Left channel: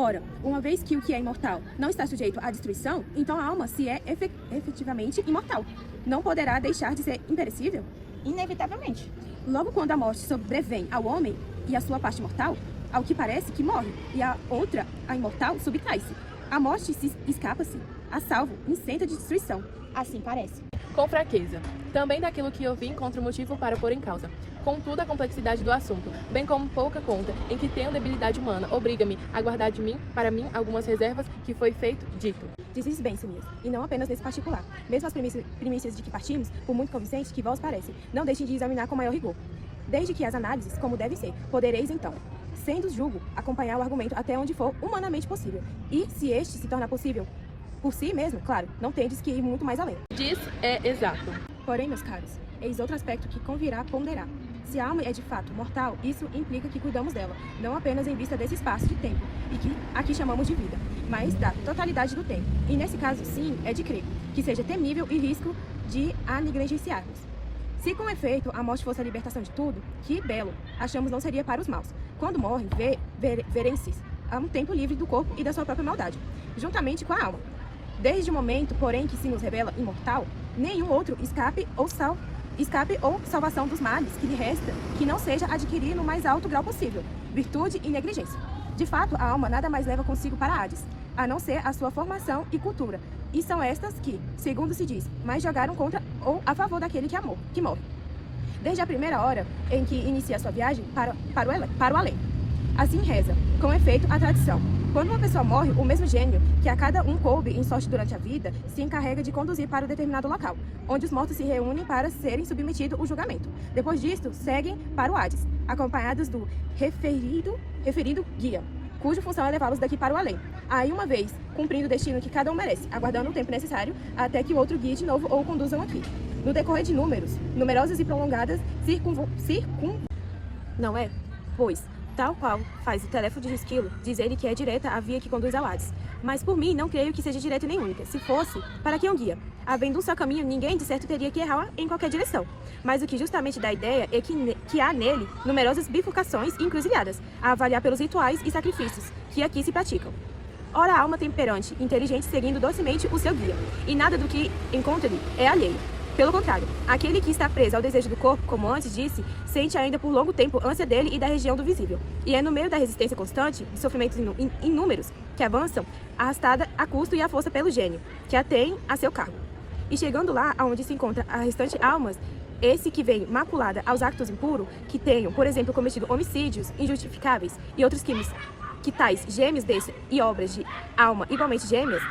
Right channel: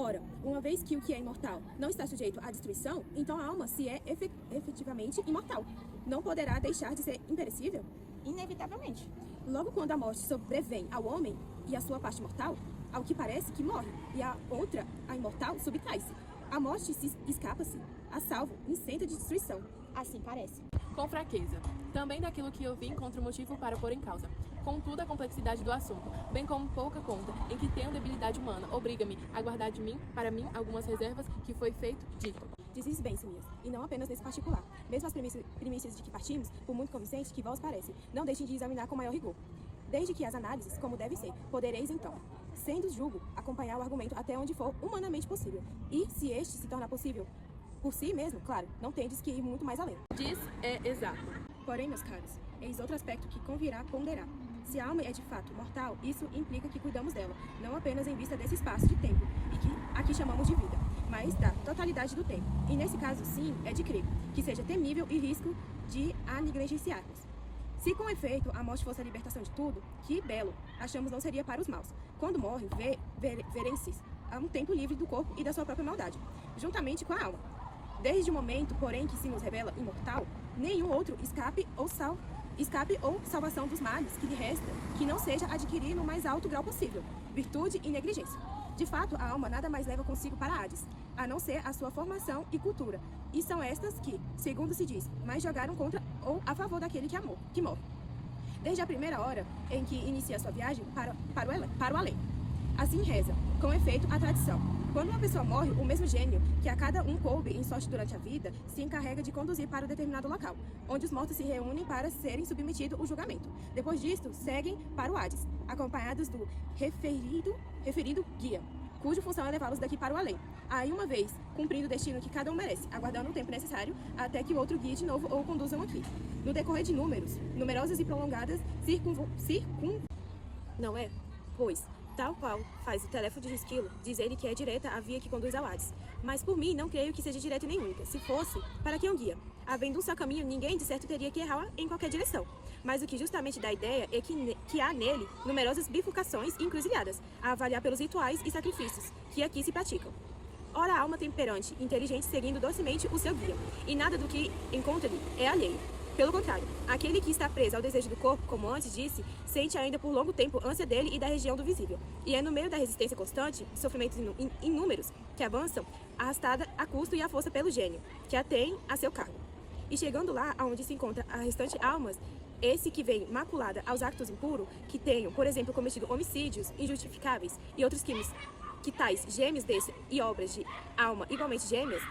Ora, uma vez que o que é imortal não está sujeito à destruição, então a alma, se é efetivamente imortal, não poderá deixar de ser imperecível? Inevitavelmente. Logo, quando a morte sobrevém ao homem e a sua parte mortal, ao que parece que morre, e a outra, a imortal, subtrai-se. A morte se escapa-se, a salvo, incenta de destruição. Assim parece. Com fraqueza. Também daquilo que eu vi encontro motivo para pôr em causa. Contudo, a complexidade do assunto, bem como pouca conta em que tenho debilidade humana, obriga-me a guardar de mim, para mim, algumas reservas que foi feito, dito. Dizes bem, Semias, e não apenas nesse particular. Mesmo as primícias de que partimos, por muito convincentes que vós parecem, não deixem de examinar com maior rigor. Desde que as análises, como devem ser, podereis então, sendo julgo, acompanhar o argumento até onde for humanamente possível. E, se este se tornar possível, por si mesmo, claro, não tendes que ir muito mais além. Diz é exato. Porém, meus caros, eis outro aspecto que convirá ponderar. Se a alma é de fato mortal, isso implica que cuidamos dela, não apenas em vista desse espaço de tempo, e que aqui chamamos de vida, mas da totalidade do tempo. E nesse caso, sim, é de crer que seja temível e risco de a negligenciarmos. Se com efeito a morte fosse a libertação de tudo, que belo, achamos não seria para os maus. Quando morrem, verem-se a um tempo livre do corpo e da sua própria maldade, juntamente com a alma. Desde o momento, porém, que se nos revela imortal, nenhum outro escape ou salvação dos males que lhe resta, que não seja adquirir no mais alto grau possível, virtude e negligência. De fato, a alma nada mais leva consigo para Hades, a não ser a sua formação e cultura, e são estas que, segundo se diz, mais jogaram contra ou a favor daquele que morre. Desde a primeira hora em que inicia a sua viagem para o além. Assim reza, com efeito, a tradição. Quando uma pessoa morre, o mesmo gênio que a cada um coube em sorte durante a vida, se encarrega de conduzir para um determinado local, onde os mortos se reúnem para serem submetidos ao julgamento. Depois disto, seguem para o Hades, acompanhados do referido guia, cuja função é levá-los daqui para o além. Aí, uma vez cumprindo o destino que cada um merece, aguardando o tempo necessário até que o outro guie de novo ou conduzam aqui. No decorrer de numerosas e prolongadas não é? Pois, tal qual faz o teléfono de Esquilo, diz ele que é direta a via que conduz ao Hades. Mas por mim, não creio que seja direta nem única. Se fosse, para que um guia? Havendo um só caminho, ninguém de certo teria que errar em qualquer direção. Mas o que justamente dá a ideia é que há nele numerosas bifurcações e encruzilhadas, a avaliar pelos rituais e sacrifícios que aqui se praticam. Ora, a alma temperante, inteligente, seguindo docemente o seu guia, e nada do que encontra-lhe é alheio. Pelo contrário, aquele que está preso ao desejo do corpo, como antes disse, sente ainda por longo tempo ânsia dele e da região do visível. E é no meio da resistência constante, de sofrimentos inúmeros, que avançam, arrastada a custo e à força pelo gênio, que a tem a seu cargo. E chegando lá, aonde se encontra a restante almas, esse que vem maculada aos actos impuros, que tenham, por exemplo, cometido homicídios injustificáveis e outros crimes, que tais gêmeos desse e obras de alma igualmente gêmeas,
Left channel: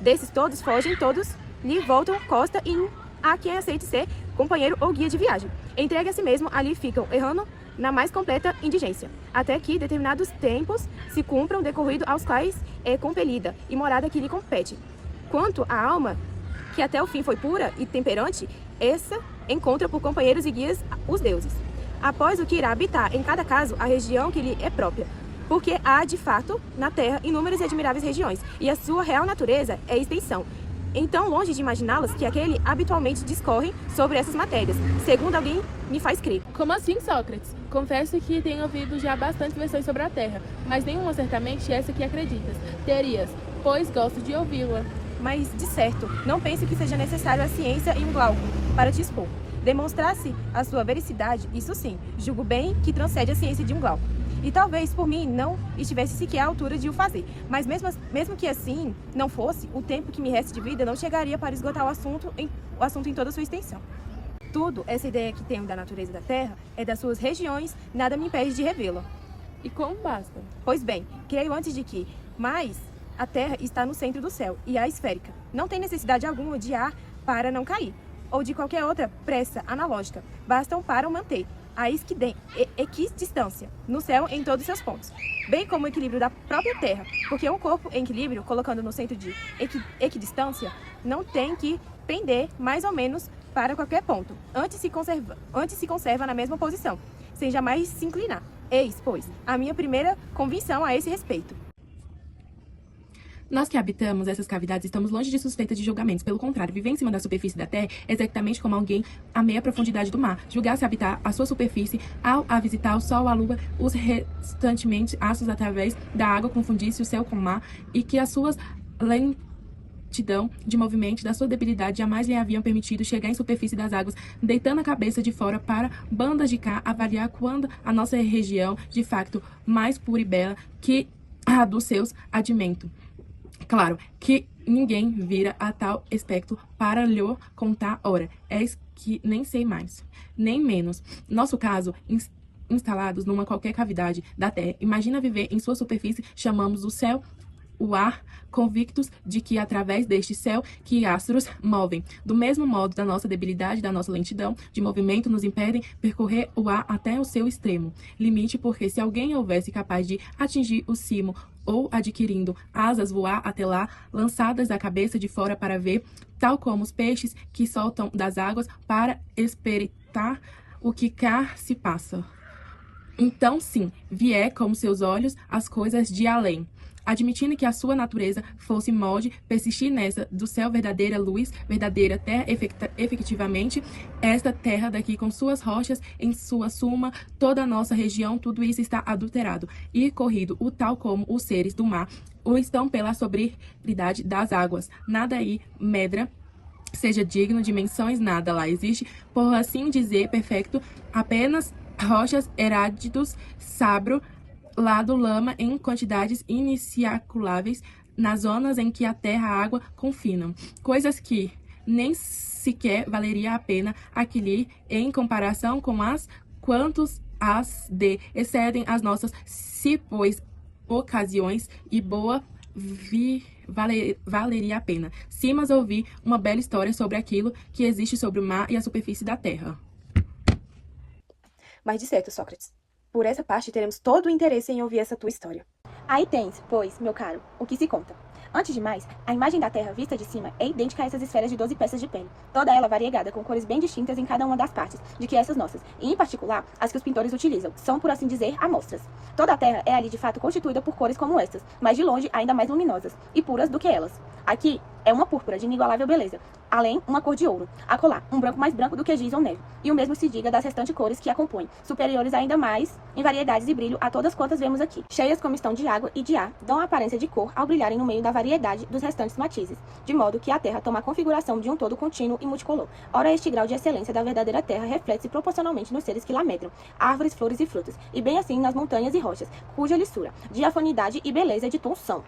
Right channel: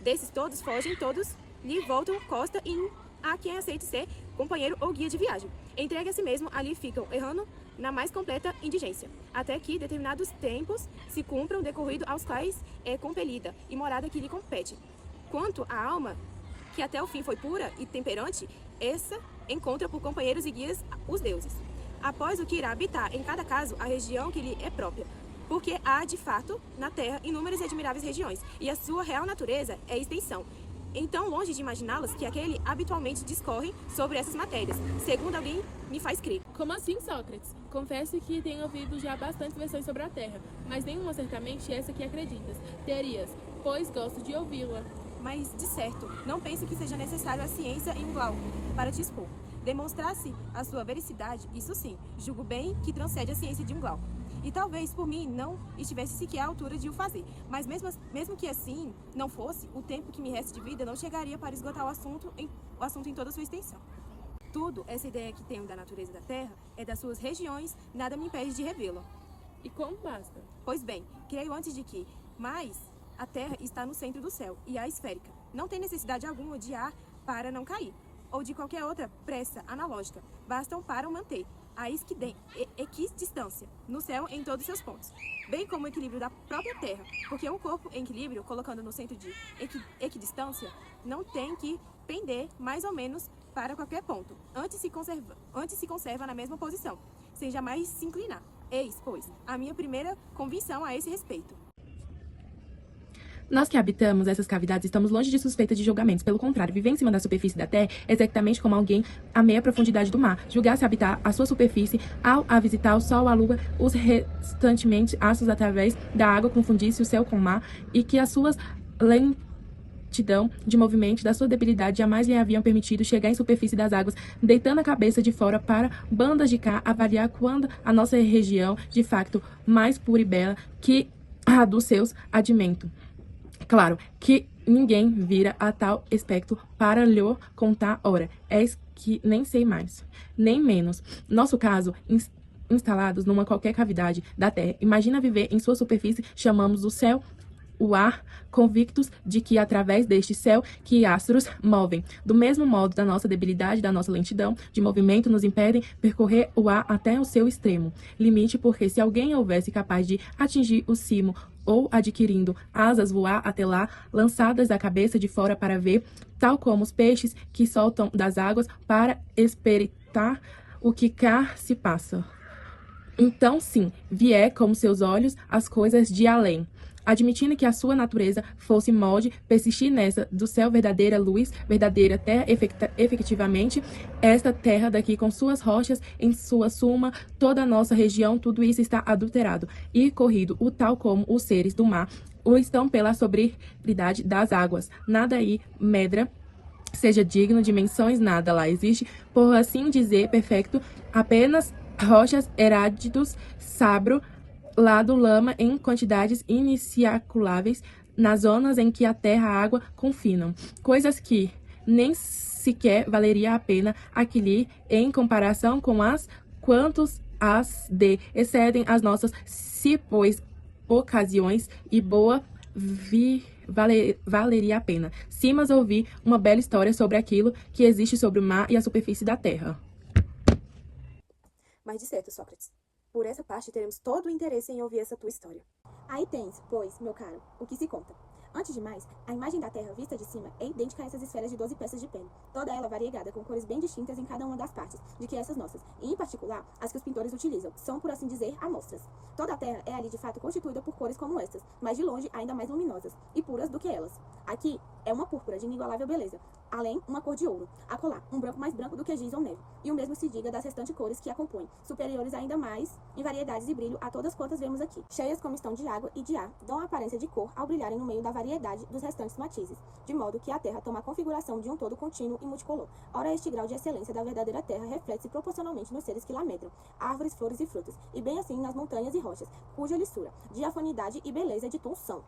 desses todos fogem, todos lhe voltam costa e a quem aceite ser companheiro ou guia de viagem. Entregue a si mesmo, ali ficam errando na mais completa indigência, até que determinados tempos se cumpram, decorrido aos quais é compelida e morada que lhe compete. Quanto à alma, que até o fim foi pura e temperante, essa encontra por companheiros e guias os deuses. Após o que irá habitar, em cada caso, a região que lhe é própria, porque há, de fato, na Terra, inúmeras e admiráveis regiões, e a sua real natureza é extensão. Então, longe de imaginá-las, que aquele habitualmente discorre sobre essas matérias, segundo alguém me faz crer. Como assim, Sócrates? Confesso que tenho ouvido já bastantes versões sobre a Terra, mas nenhuma certamente essa que acreditas. Terias, pois gosto de ouvi-la. Mas, de certo, não pense que seja necessário a ciência e um glauco para te expor. Demonstrasse a sua vericidade, isso sim, julgo bem que transcende a ciência de um glauco. E talvez, por mim, não estivesse sequer à altura de o fazer. Mas mesmo que assim não fosse, o tempo que me resta de vida não chegaria para esgotar o assunto em toda a sua extensão. Tudo, essa ideia que tenho da natureza da Terra, é das suas regiões, nada me impede de revê-la. E como basta? Pois bem, creio antes de que, mas a Terra está no centro do céu, e é esférica. Não tem necessidade alguma de ar para não cair, ou de qualquer outra pressa analógica. Bastam para o manter a equidistância no céu em todos seus pontos, bem como o equilíbrio da própria Terra, porque um corpo em equilíbrio, colocando no centro de equidistância, não tem que pender mais ou menos para qualquer ponto, antes se conserva na mesma posição, sem jamais se inclinar. Eis, pois, a minha primeira convicção a esse respeito. Nós que habitamos essas cavidades estamos longe de suspeita de julgamentos. Pelo contrário, viver em cima da superfície da Terra é exatamente como alguém a meia profundidade do mar. Julgar-se habitar a sua superfície ao a visitar o Sol, a Lua, os restantemente astros através da água, confundir-se o céu com o mar e que as suas lentidão de movimento da sua debilidade jamais lhe haviam permitido chegar em superfície das águas, deitando a cabeça de fora para bandas de cá, avaliar quando a nossa região, de facto, mais pura e bela que a dos seus admentos. Claro que ninguém vira a tal aspecto para lhe contar, ora, és que nem sei mais, nem menos. Nosso caso, instalados numa qualquer cavidade da Terra, imagina viver em sua superfície, chamamos o céu, o ar, convictos de que através deste céu que astros movem. Do mesmo modo, da nossa debilidade, da nossa lentidão de movimento nos impedem percorrer o ar até o seu extremo limite, porque se alguém houvesse capaz de atingir o cimo ou adquirindo asas voar até lá, lançadas da cabeça de fora para ver, tal como os peixes que soltam das águas para espreitar o que cá se passa. Então, sim, vier como seus olhos as coisas de além. Admitindo que a sua natureza fosse molde, persistir nessa do céu verdadeira luz, verdadeira terra, efetivamente, esta terra daqui com suas rochas, em sua suma, toda a nossa região, tudo isso está adulterado e corrido, o tal como os seres do mar, o estão pela sobriedade das águas. Nada aí medra, seja digno de menções, nada lá existe, por assim dizer, perfeito, apenas rochas, herádidos, sabro, lado lama em quantidades iniciaculáveis nas zonas em que a terra e a água confinam, coisas que nem sequer valeria a pena aquele em comparação com as quantos as de excedem as nossas, se pois ocasiões e boa valeria a pena. Sim, mas ouvi uma bela história sobre aquilo que existe sobre o mar e a superfície da terra. Mas de certo, Sócrates, por essa parte teremos todo o interesse em ouvir essa tua história. Aí tens, pois, meu caro, o que se conta. Antes de mais, a imagem da Terra vista de cima é idêntica a essas esferas de 12 peças de pele, toda ela variegada com cores bem distintas em cada uma das partes, de que essas nossas, e em particular as que os pintores utilizam, são, por assim dizer, amostras. Toda a Terra é ali de fato constituída por cores como estas, mas de longe ainda mais luminosas e puras do que elas. Aqui é uma púrpura de inigualável beleza, além uma cor de ouro, acolá, um branco mais branco do que giz ou neve, e o mesmo se diga das restantes cores que a compõem, superiores ainda mais em variedades e brilho a todas quantas vemos aqui. Cheias como estão de água e de ar, dão a aparência de cor ao brilharem no meio da variedade dos restantes matizes, de modo que a Terra toma a configuração de um todo contínuo e multicolor. Ora, este grau de excelência da verdadeira Terra reflete-se proporcionalmente nos seres que lá medram, árvores, flores e frutas, e bem assim nas montanhas e rochas, cuja lissura, diafanidade e beleza de tom são,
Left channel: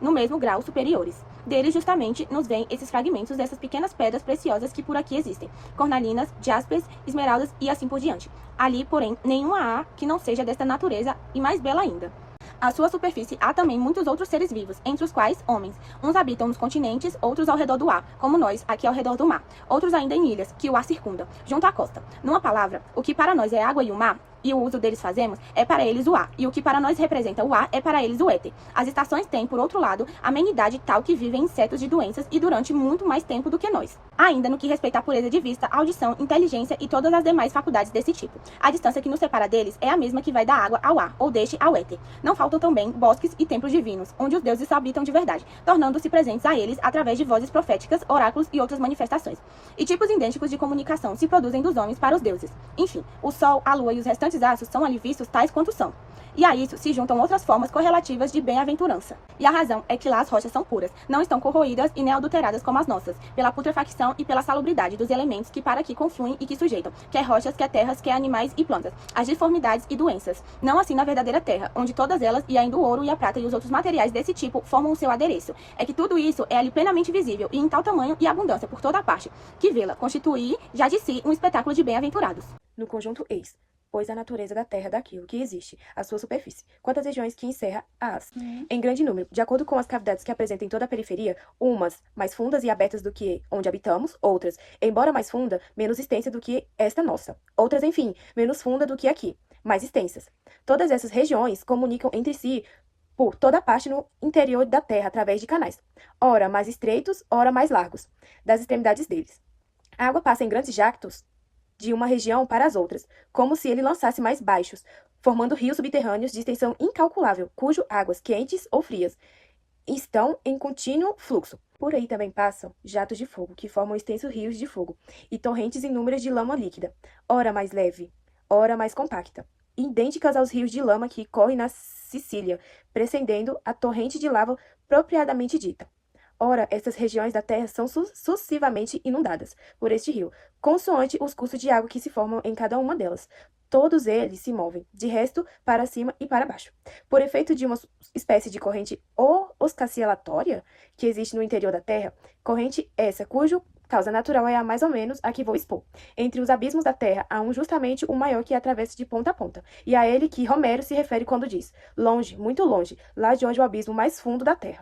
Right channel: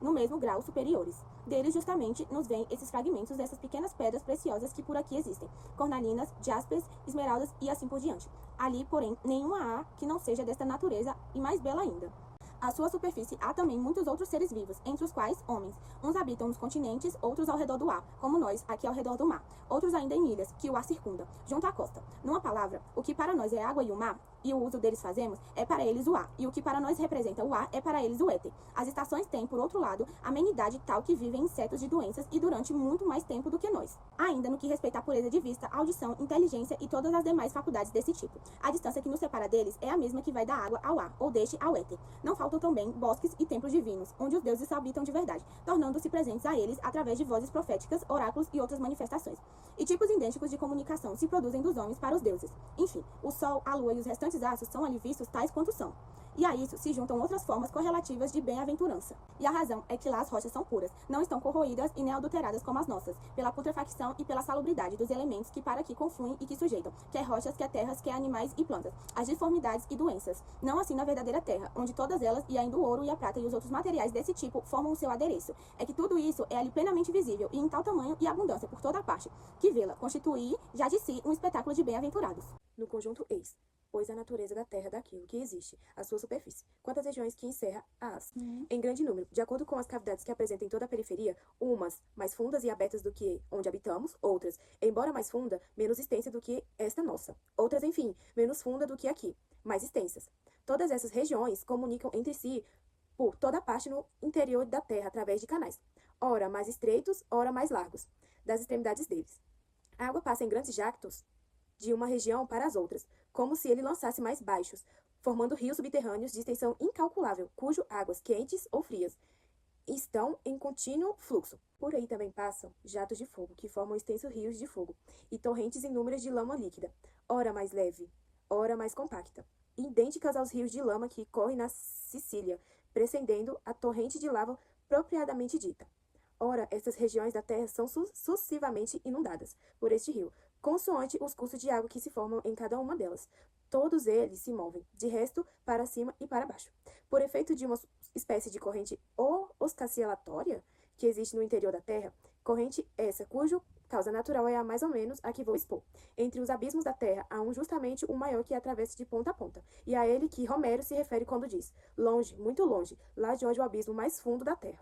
no mesmo grau, superiores. Deles justamente nos vêm esses fragmentos dessas pequenas pedras preciosas que por aqui existem, cornalinas, jaspes, esmeraldas e assim por diante. Ali, porém, nenhuma há que não seja desta natureza e mais bela ainda. À sua superfície há também muitos outros seres vivos, entre os quais homens. Uns habitam nos continentes, outros ao redor do ar, como nós, aqui ao redor do mar. Outros ainda em ilhas, que o ar circunda, junto à costa. Numa palavra, o que para nós é água e o mar, e o uso deles fazemos, é para eles o ar, e o que para nós representa o ar é para eles o éter. As estações têm, por outro lado, amenidade tal que vivem insetos de doenças e durante muito mais tempo do que nós. Ainda no que respeita à pureza de vista, audição, inteligência e todas as demais faculdades desse tipo. A distância que nos separa deles é a mesma que vai da água ao ar, ou deste ao éter. Não faltam também bosques e templos divinos, onde os deuses habitam de verdade, tornando-se presentes a eles através de vozes proféticas, oráculos e outras manifestações. E tipos idênticos de comunicação se produzem dos homens para os deuses. Enfim, o sol, a lua e os restantes astros são ali vistos tais quanto são. E a isso se juntam outras formas correlativas de bem-aventurança. E a razão é que lá as rochas são puras, não estão corroídas e nem adulteradas como as nossas, pela putrefacção e pela salubridade dos elementos que para aqui confluem e que sujeitam, quer rochas, quer terras, quer animais e plantas, as deformidades e doenças. Não assim na verdadeira terra, onde todas elas, e ainda o ouro e a prata e os outros materiais desse tipo, formam o seu adereço. É que tudo isso é ali plenamente visível e em tal tamanho e abundância por toda a parte, que vê-la constituir já de si um espetáculo de bem-aventurados. No conjunto eis, pois a natureza da terra daquilo que existe, a sua superfície, quantas regiões que encerra as, em grande número, de acordo com as cavidades que apresentam em toda a periferia, umas mais fundas e abertas do que onde habitamos, outras, embora mais funda, menos extensa do que esta nossa, outras, enfim, menos funda do que aqui, mais extensas. Todas essas regiões comunicam entre si por toda parte no interior da terra através de canais, ora mais estreitos, ora mais largos, das extremidades deles. A água passa em grandes jactos de uma região para as outras, como se ele lançasse mais baixos, formando rios subterrâneos de extensão incalculável, cujo águas quentes ou frias estão em contínuo fluxo. Por aí também passam jatos de fogo, que formam extensos rios de fogo, e torrentes inúmeras de lama líquida, ora mais leve, ora mais compacta, idênticas aos rios de lama que correm na Sicília, precedendo a torrente de lava propriamente dita. Ora, essas regiões da Terra são sucessivamente inundadas por este rio, consoante os cursos de água que se formam em cada uma delas. Todos eles se movem, de resto, para cima e para baixo, por efeito de uma espécie de corrente oscilatória que existe no interior da Terra, corrente essa cujo causa natural é a mais ou menos a que vou expor. Entre os abismos da Terra há justamente o maior que atravessa de ponta a ponta, e a ele que Homero se refere quando diz: longe, muito longe, lá de onde o abismo mais fundo da Terra.